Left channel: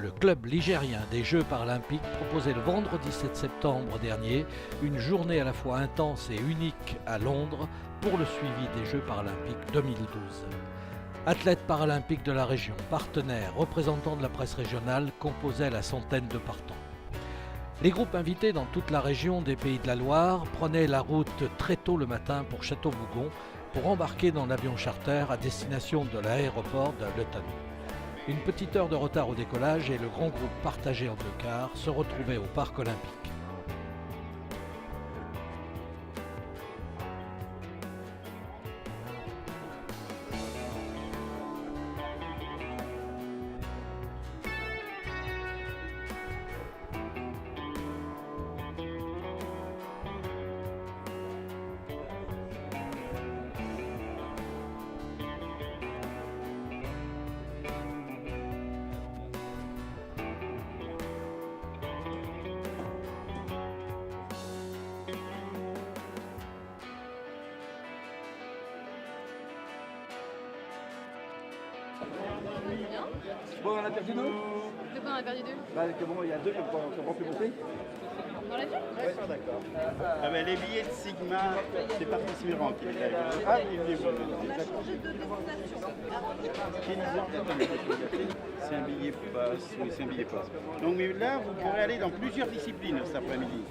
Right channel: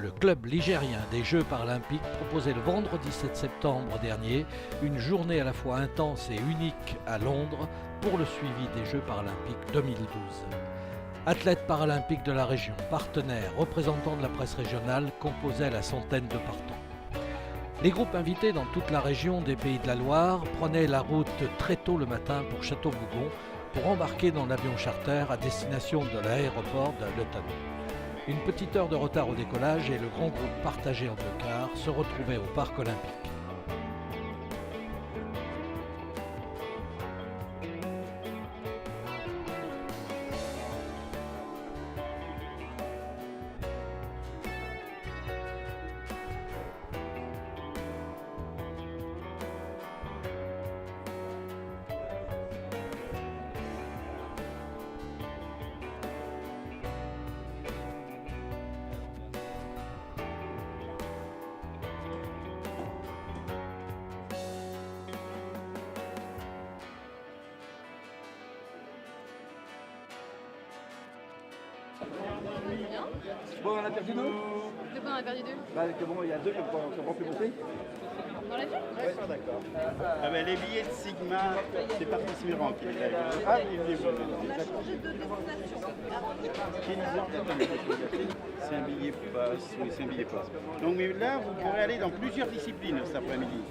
Le club ligérien des Jeux paralympiques proposait le vendredi 7 septembre dernier une journée à la fois intense et unique à Londres pour le suivi des Jeux paralympiques 2012. Athlètes paralympiques de la région, partenaires, représentants de la presse régionale composaient la centaine de partants. Les groupes invités dans toute la région des Pays de la Loire prenaient la route très tôt le matin pour Château-Bougon pour embarquer dans l'avion charter à destination de l'aéroport de Luton. Une petite heure de retard au décollage et le grand groupe partagé en deux quarts se retrouvait au parc olympique. Bon, on a perdu deux. De quoi on a perdu deux? Bah, que bon, il y a deux qui n'ont pas pu monter. Dans l'avion? Ouais, d'accord. Ah ben, les billets de Sigma, c'est pas Mirand qui les a. Ah, il est bon. On a changé de destination. C'est un billet passe, oui, c'est un billet passe. Donc mais là, vous pourrez aller dans plusieurs disciplines cet après-midi.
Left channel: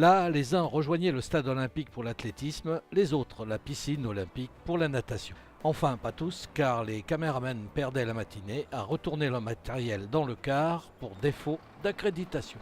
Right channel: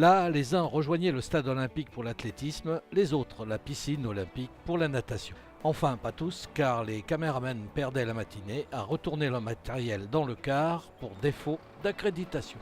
Là, les uns rejoignaient le stade olympique pour l'athlétisme, les autres la piscine olympique pour la natation. Enfin, pas tous, car les caméramans perdaient la matinée à retourner leur matériel dans le car pour défaut d'accréditation.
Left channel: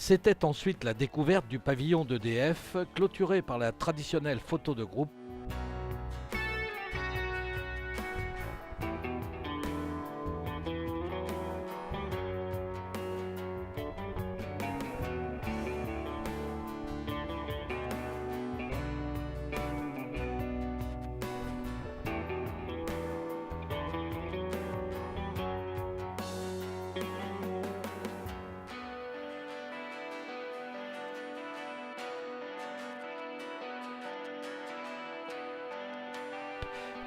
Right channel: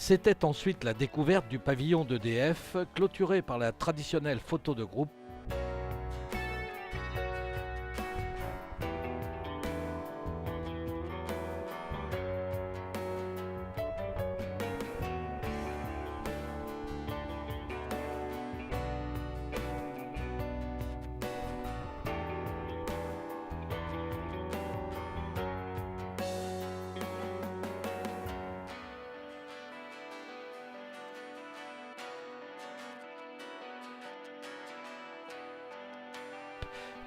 C'était ensuite la découverte du pavillon d'EDF, clôturé par la traditionnelle photo de groupe.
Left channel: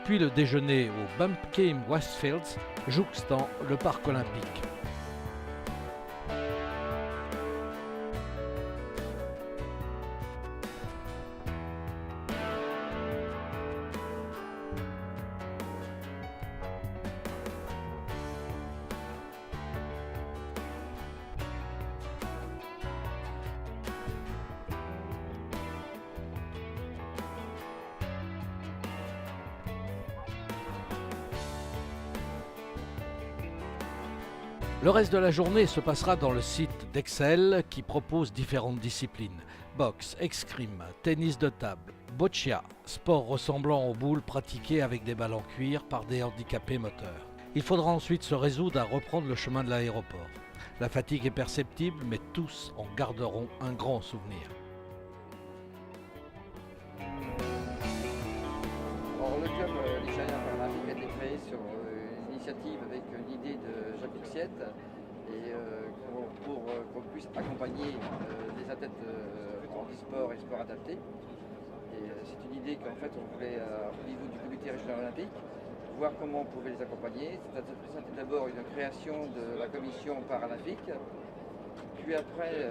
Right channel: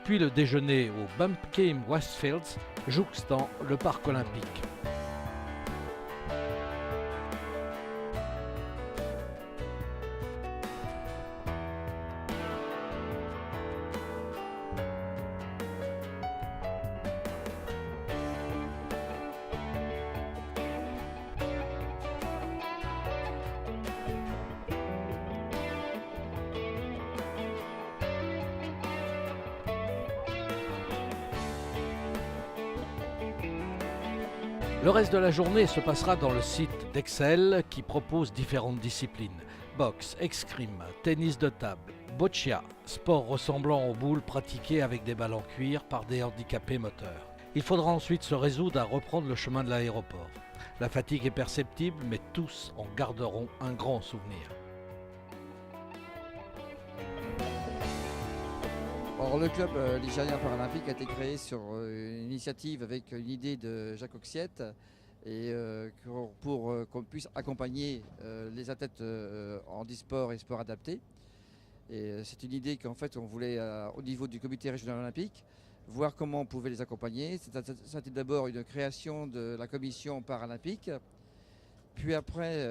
Puis le déjeuner au Bumpkin Westfields, jouxtant le parc olympique. Le reste de la journée se passera dans le site d'Excel qui propose différentes disciplines. Boxe, escrime, tennis de table, boccia, sport ressemblant aux boules pratiquées avec des balles en cuir par des handicapés moteurs. Il faudra ensuite se résoudre à reprendre le chemin de l'aéroport. La fatigue est perceptible, mais tous en garderont un grand souvenir. Alors, le club ligérien paralympique a été créé sur une initiative avec une idée de Jacques Auxiette et pour qu'on puisse accompagner les athlètes en handisport et sport adapté. Et c'est une idée qu'en fait on voulait au niveau du comité régional olympique voir comment on pouvait les accompagner. C'était d'abord une création de la commission paralympique. Puis après,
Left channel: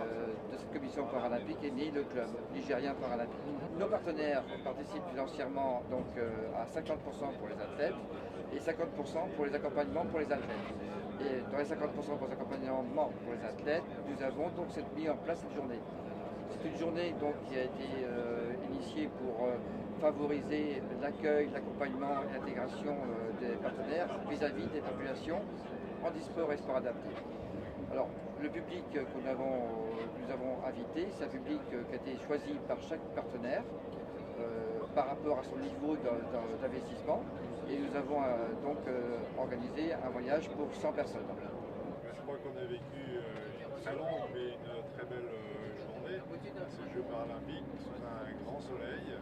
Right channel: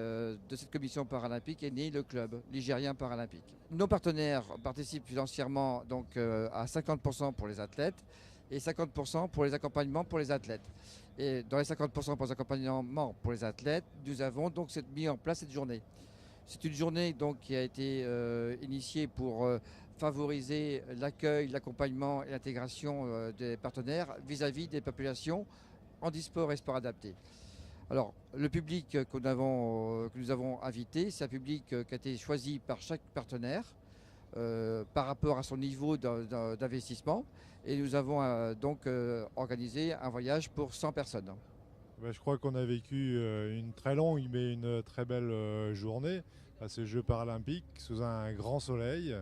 de cette commission paralympique est né le club ligérien paralympique. Nos partenaires participent financièrement donc, à 50% pour les athlètes et 50% pour les accompagnements pour les athlètes. Et dans les 50% pour les accompagnements pour les athlètes, nous avons donc mis en place cette journée. C'est une journée donc, qui a été initiée pour favoriser l'accueil, l'accompagnement et l'intégration des partenaires vis-à-vis des populations handisport et sport adapté. Alors, le public que nous avons invité, c'est un public qui a été choisi par chaque partenaire par rapport à son niveau d'investissement. Et nous avons donc organisé un voyage pour 100 personnes. Je crois qu'on a vécu une très longue mais une très belle journée à ces Jeux paralympiques sous un grand soleil.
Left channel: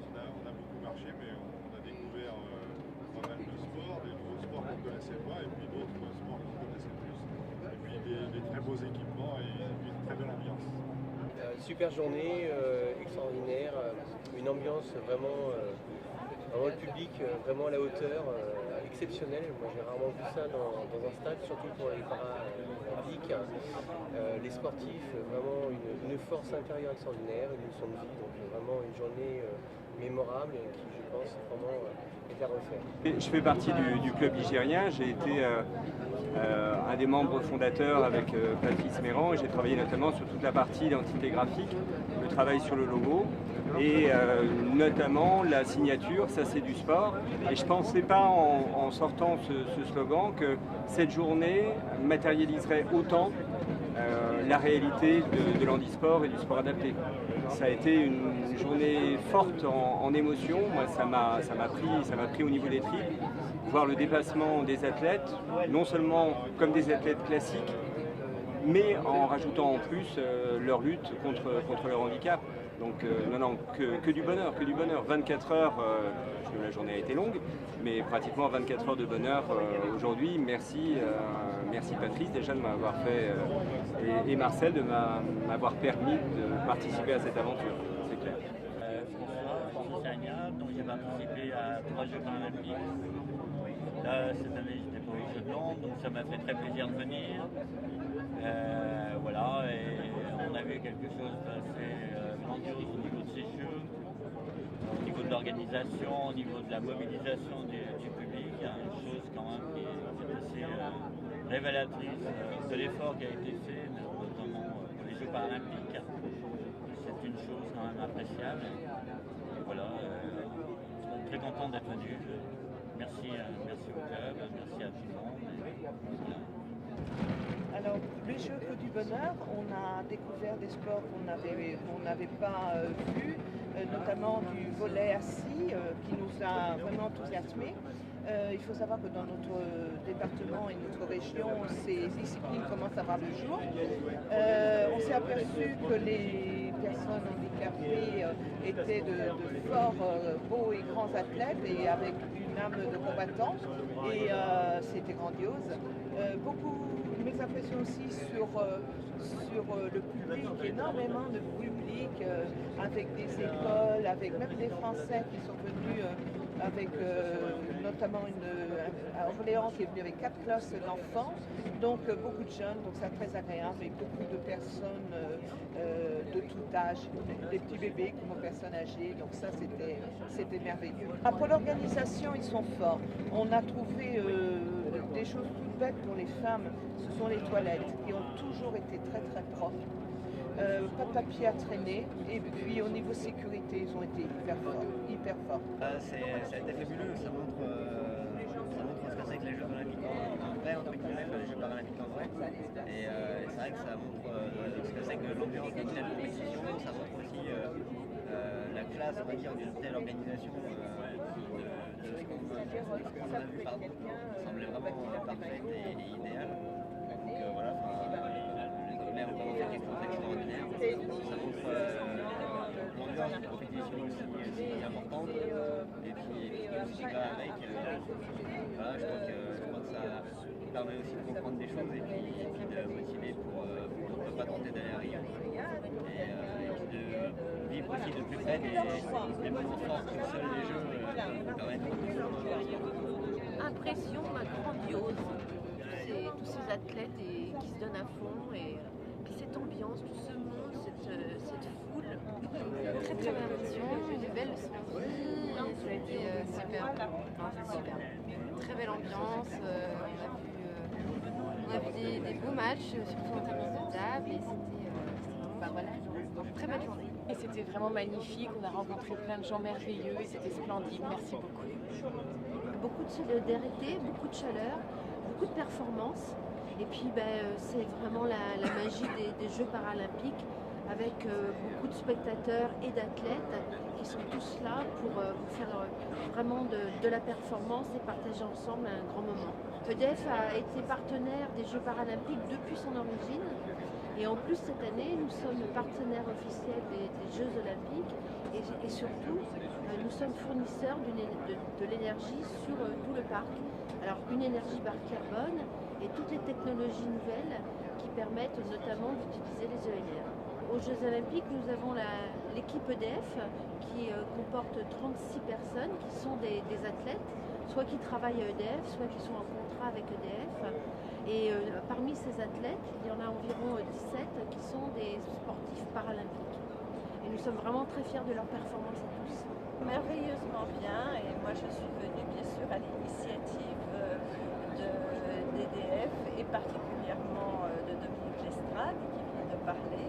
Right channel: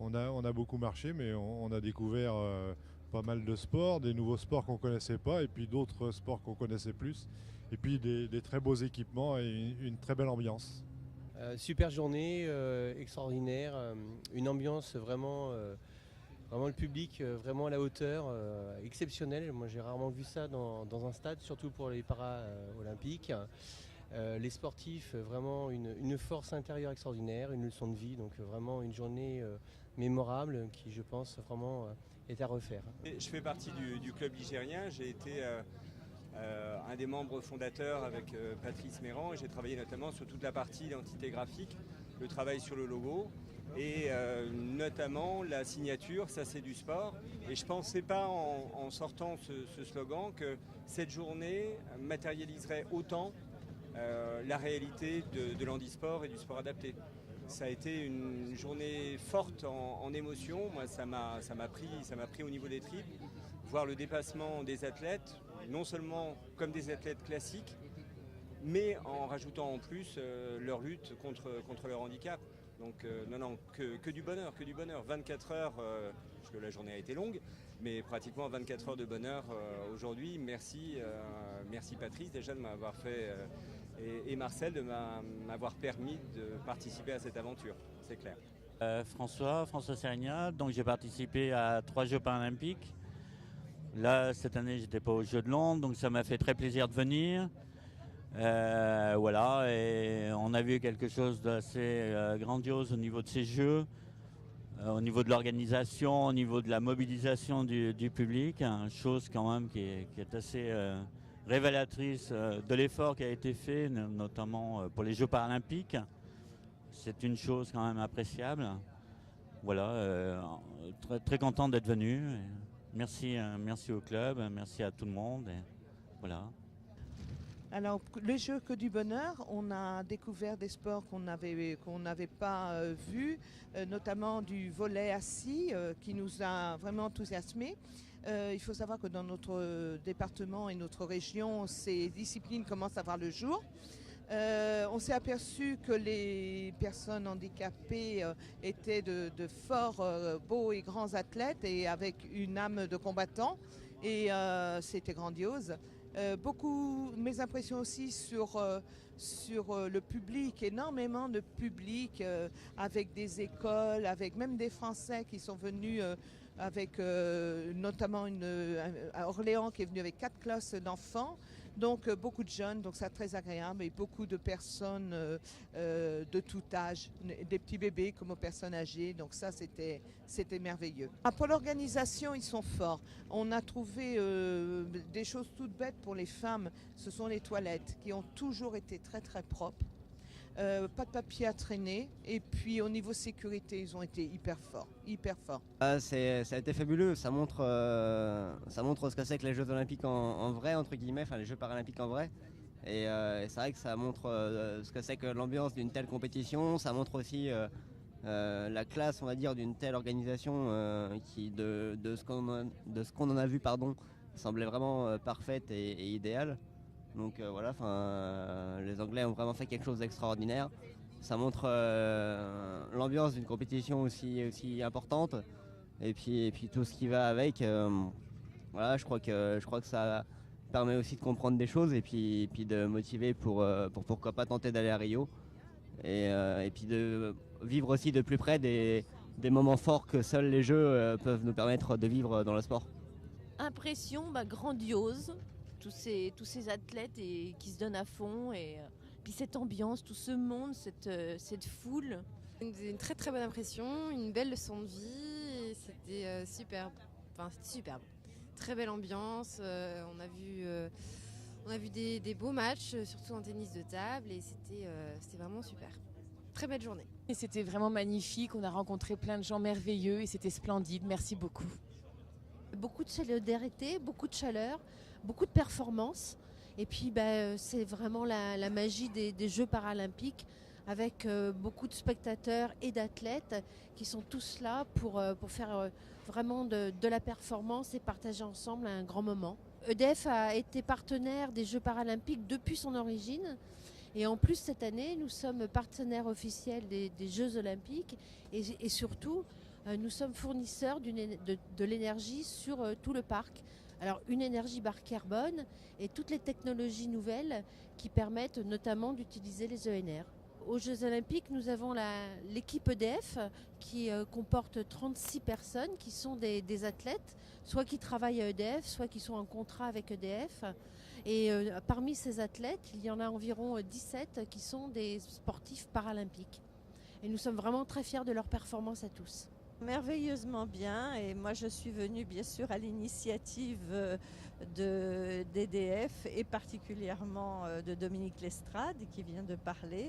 On a beaucoup marché, mais on a découvert pas mal de sports, des nouveaux sports qu'on ne connaissait pas et puis d'autres sports qu'on connaissait plus. Et puis des très beaux équipements et une très belle ambiance. Super journée, extraordinaire, une ambiance vraiment le public vraiment à la hauteur, exceptionnel. Moi j'ai rarement vu ça dans un stade, surtout pour les paralympiques. Les sportifs, vraiment une force intérieure extraordinaire, une leçon de vie, donc vraiment une journée mémorable qui je pense vraiment est à refaire. Je fais partie du club ligérien, j'ai été un des membres fondateurs avec Patrice Méran et j'ai travaillé notamment sur toute la partie identité graphique, le travail sur le logo et notamment la signature, ça c'est du sport. Et je ne pensais pas en sortant ce slogan que cette journée matérialiserait autant la réalité de l'handisport et du sport adapté. Ça a été une journée forte en émotion, moi ça m'a pris au niveau des tripes. Voir le dépassement des athlètes, non seulement comme des athlètes classiques, mais en rajoutant en plus leur lutte contre leur handicap. Donc non, que du bonheur, que du bonheur. 24 heures, la journée a été longue, mais pratiquement 24 heures de bonheur aujourd'hui. Merci Patrice déjà de m'avoir fait, et Marcel de m'avoir permis de participer à cette aventure, c'est clair. François Sagna, donc j'ai participé à 3 Jeux paralympiques. Là, cette année, j'étais pas aux Jeux de Londres, donc ça m'a fait très plaisir de venir. Voilà, et on a vu quelque chose d'assez grandiose au niveau de ces Jeux, au niveau de l'organisation, au niveau de la mobilisation du public, chose quand même qui est assez révélatrice de l'effort qui a été fait, notamment pour les Jeux paralympiques. C'est une chose quand même appréciable. Voilà, très, très content d'être venu. Merci au club, merci à tout le monde. Voilà. Alors, les Jeux que du bonheur, on a découvert des sports qu'on n'avait pas vus, notamment du volley assis qui nous a vraiment enthousiasmés. Il faut savoir que dans notre département et notre région, ces disciplines commencent à voir le jour. On s'est aperçu que les personnes handicapées étaient de forts, beaux et grands athlètes et avec une âme de combattant. Et c'était grandiose. Mes impressions aussi sur le public, énormément de public, avec des écoles, avec même des Français qui sont venus avec notamment à Orléans qui est venu avec 4 classes d'enfants, donc beaucoup de jeunes, donc c'est très agréable, et beaucoup de personnes de tout âge, des petits bébés comme aux personnes âgées, donc ça c'était merveilleux. Pour l'organisation, ils sont forts. On a trouvé des choses toutes bêtes pour les femmes, ce sont les toilettes qui ont toujours été très très propres. Pas de papier à traîner, et puis au niveau sécurité, ils ont été hyper forts. Ça a été fabuleux, ça montre ce que c'est que les Jeux Olympiques en vrai, entre guillemets, enfin les Jeux Paralympiques en vrai. Et c'est vrai que ça montre ce que c'est que l'ambiance d'une telle compétition, ça montre aussi la classe, on va dire, d'une telle organisation de ce qu'on en a vu, semblait vraiment parfaite et idéale. Donc voilà, les Anglais ont vraiment fait quelque chose d'extraordinaire. Ça montre l'ambiance d'une compétition aussi importante et puis tout ce qui va avec. Voilà, je crois que ça permet aussi de comprendre des choses et puis de motiver pour pourquoi pas tenter d'aller à Rio et puis de vivre aussi de plus près des moments forts que seuls les jeux peuvent nous permettre de vivre dans le sport. Impression grandiose, tous ces athlètes qui se donnent à fond et puis cette ambiance, tout ce monde, cette foule. Une très très bonne impression, une belle leçon de vie, c'était super. Enfin, c'était super. Très belle ambiance, on a vu des beaux matchs, surtout en tennis de table, et c'était vraiment très belle journée. Et c'était vraiment magnifique, on a rencontré plein de gens merveilleux et c'était splendide, merci beaucoup. Beaucoup de solidarité, beaucoup de chaleur, beaucoup de performance. Et puis c'est vraiment la magie des Jeux paralympiques avec beaucoup de spectateurs et d'athlètes qui sont tous là pour faire vraiment de la performance et partager ensemble un grand moment. EDF a été partenaire des Jeux paralympiques depuis son origine. Et en plus, cette année, nous sommes partenaires officiels des Jeux olympiques et surtout, nous sommes fournisseurs de l'énergie sur tout le parc. Alors, une énergie bas carbone et toutes les technologies nouvelles qui permettent notamment d'utiliser les ENR. Aux Jeux olympiques, nous avons l'équipe EDF qui comporte 36 personnes qui sont des athlètes, soit qui travaillent à EDF, soit qui sont en contrat avec EDF. Et parmi ces athlètes, il y en a environ 17 qui sont des sportifs paralympiques. Et nous sommes vraiment très fiers de leur performance à tous. Merveilleusement bien, et moi je suis venue bien sûr à l'initiative d'EDF et particulièrement de Dominique Lestrade qui vient de parler,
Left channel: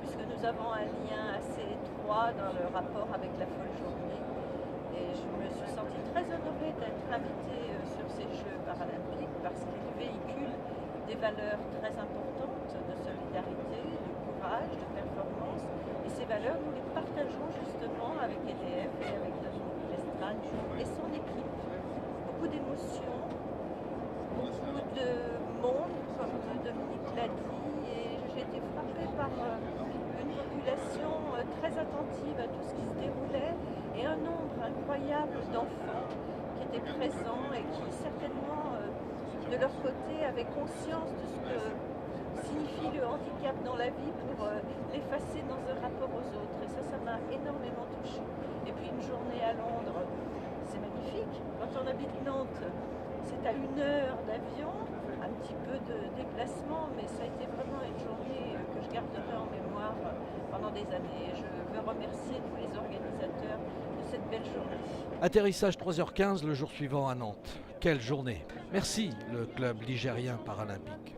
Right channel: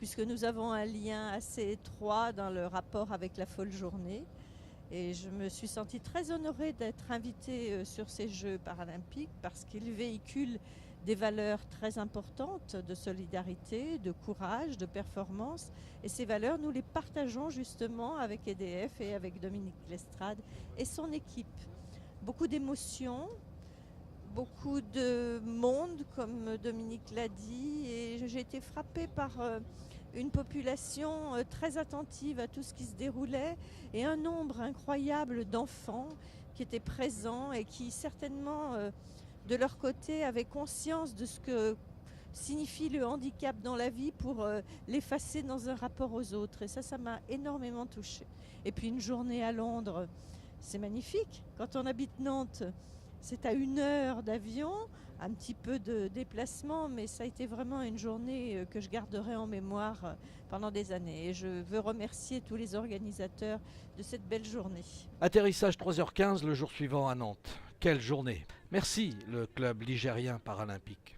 puisque nous avons un lien assez étroit dans le rapport avec la folle journée. Et je me suis sentie très honorée d'être invitée sur ces Jeux paralympiques parce qu'ils véhiculent des valeurs très importantes de solidarité, de courage, de performance. Et ces valeurs, nous les partageons justement avec EDF et avec Dominique Lestrade et son équipe. Beaucoup d'émotions, beaucoup de monde, comme Dominique l'a dit. Et j'ai été frappée par une population très attentive à tout ce qui se déroulait et un nombre incroyable d'enfants qui étaient présents et qui certainement de leur côté avaient conscience de ce que signifie le handicap dans la vie pour l'effacer dans un rapport aux autres. Et ça m'a énormément touchée. Et puis une journée à Londres, c'est magnifique. Quand on habite Nantes, c'est à 1 heure d'avion, un petit peu de déplacement, mais ça a été vraiment une journée que je garderai en mémoire pendant des années. Et je veux remercier tous les organisateurs de cette belle journée. Atterrissage 3h15 le jour suivant à Nantes. Quelle journée! Merci le club ligérien paralympique.